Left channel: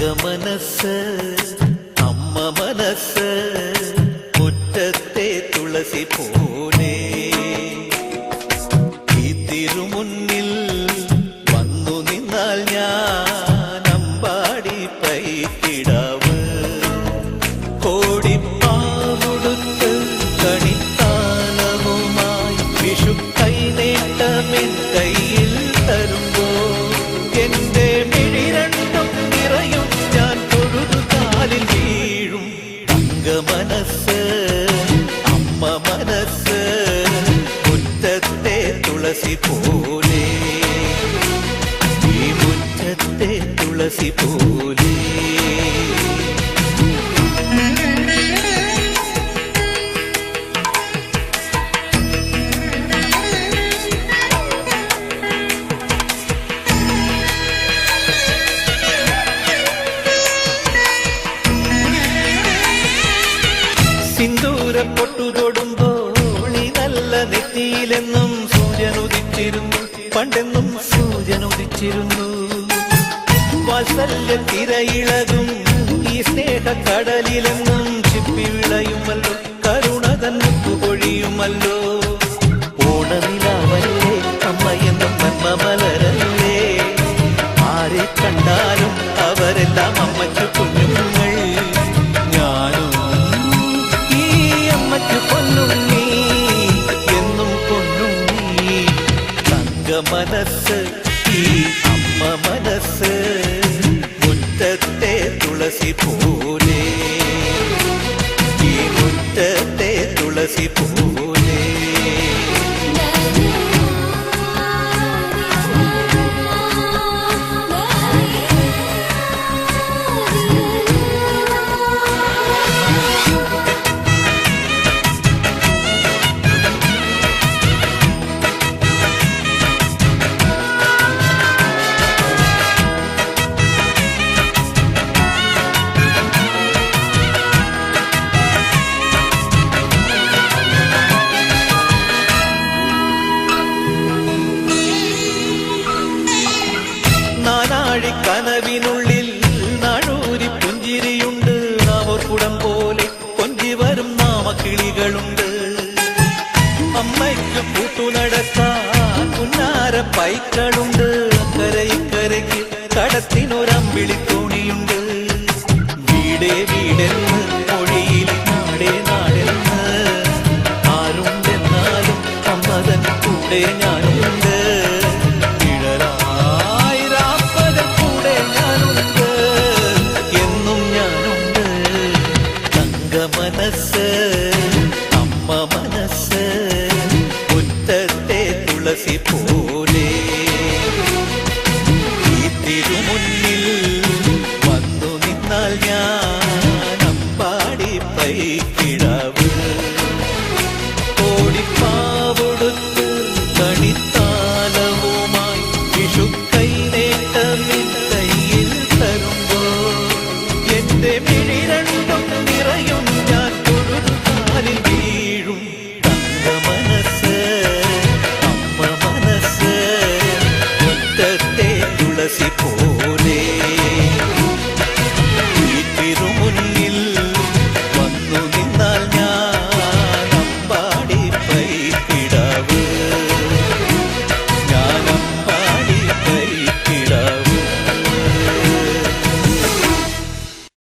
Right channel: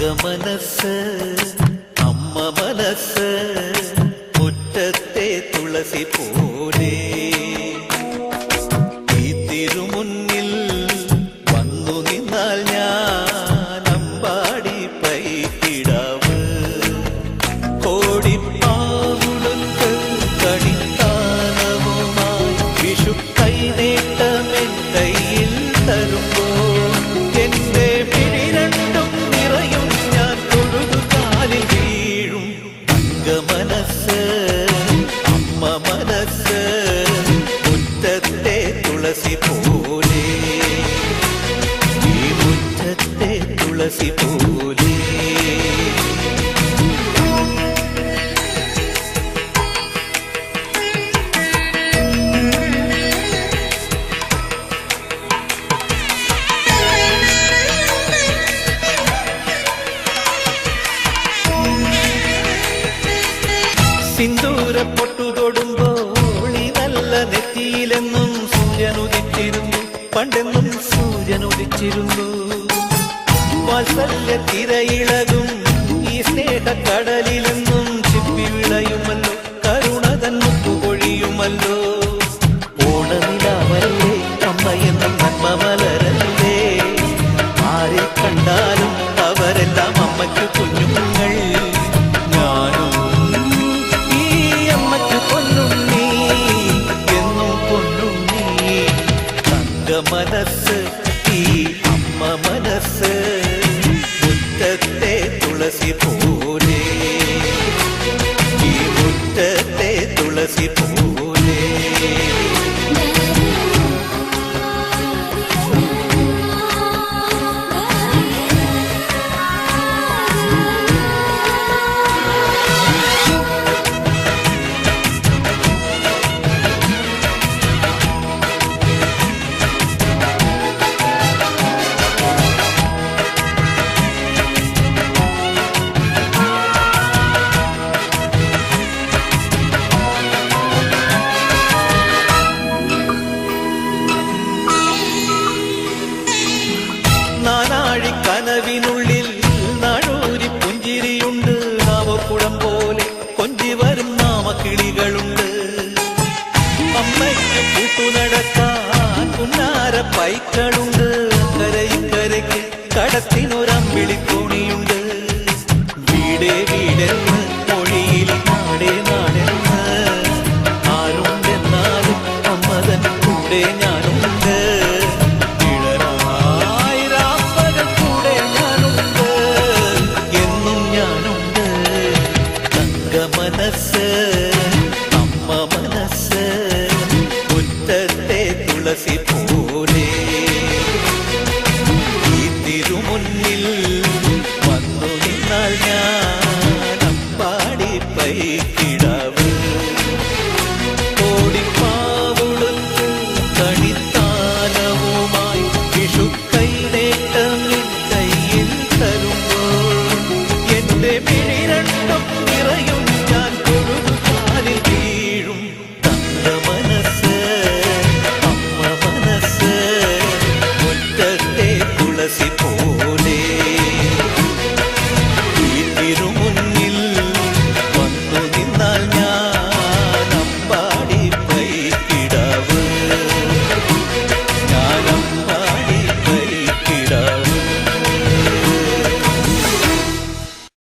മനസ്സ് അമ്മ മനസ്സ് മുറ്റത്തെ തുളസി പോലെ ഈ തിരുമുന്നിൽ വന്നു നിന്നാൽ ഞാൻ അമ്പാടി പൈക്കിടാവ് കോടിപ്പാവുടുത്ത് കണിത്താലവുമായി വിഷു കൈനേട്ടമെൻ കയ്യിൽ തരുമ്പോൾ എന്റെ മിഴി രണ്ടും നിറയും ഞാൻ തൊഴുതു കാലിൽ വീഴും തങ്ക മനസ്സ് അമ്മ മനസ്സ് മുറ്റത്തെ തുളസി പോലെ ഈ മുറ്റത്തെ തുളസി പോലെ സിന്ദൂര പൊട്ടു തൊടുമ്പോൾ ഈ നല്ല നെറ്റിയിലെന്നും സൂര്യനുദിച്ചിരുന്നു പണ്ടെന്നും സൂര്യനുദിച്ചിരുന്നു വാത്സല്യ തിരയിളകും ഈ സ്നേഹക്കടലിലെന്നും ചിപ്പി വിളയുമല്ലോ കരുണതൻ മുത്തുപൊഴിയുമല്ലോ ഓണനിലാവല്ലേ അമ്മയെന്നും നന്മ മലരല്ലേ ആരെ കണ്ടാലും അവരെല്ലാം അമ്മയ്ക്ക് കുഞ്ഞുങ്ങൾ ഞാനും അമ്മയ്ക്ക് പൊന്നുണ്ണി എന്നും പൊന്നുണ്ണി തങ്ക മനസ്സ് ഈ അമ്മ മനസ്സ് മുറ്റത്തെ തുളസി പോലെ ഈ മുറ്റത്തെ തുളസി പോലെ നാനാഴി കനവിനുള്ളിൽ നാഴൂരി പുഞ്ചിരിയുണ്ട് നാവോർക്കുടം പോലെ കൊഞ്ചി വരും നാമക്കിളികളുണ്ട് അമ്മയ്ക്ക് പൂട്ടുനടക്കാൻ പുന്നാര പൈക്കളുണ്ട് അക്കരയിക്കരയ്ക്ക് കടത്തിനൊരമ്പിളിത്തോണിയുണ്ട് വീടേ വീടെന്ന് മൊഴിയിൽ നാടേ നാടെന്ന് ആരുണ്ടെന്നാലും അമ്മതൻ കൂടെ ഞാനുണ്ട് കൂടെ ഞാനുണ്ട് എന്നും ഞാനുണ്ട് തങ്ക മനസ്സ് അമ്മ മനസ്സ് മുറ്റത്തെ തുളസി പോലെ ഈ തിരുമുന്നിൽ വന്നു നിന്നാൽ ഞാൻ അമ്പാടി പൈക്കിടാവ് കോടിപ്പാവുടുത്ത് കണിത്താലവുമായി വിഷു കൈനേട്ടമെൻ കയ്യിൽ തരുമ്പോൾ എന്റെ മിഴി രണ്ടും നിറയും ഞാൻ തൊഴുതു കാലിൽ വീഴും തങ്ക മനസ്സ് അമ്മ മനസ്സ് മുറ്റത്തെ തുളസി പോലെ ഈ തിരുമുന്നിൽ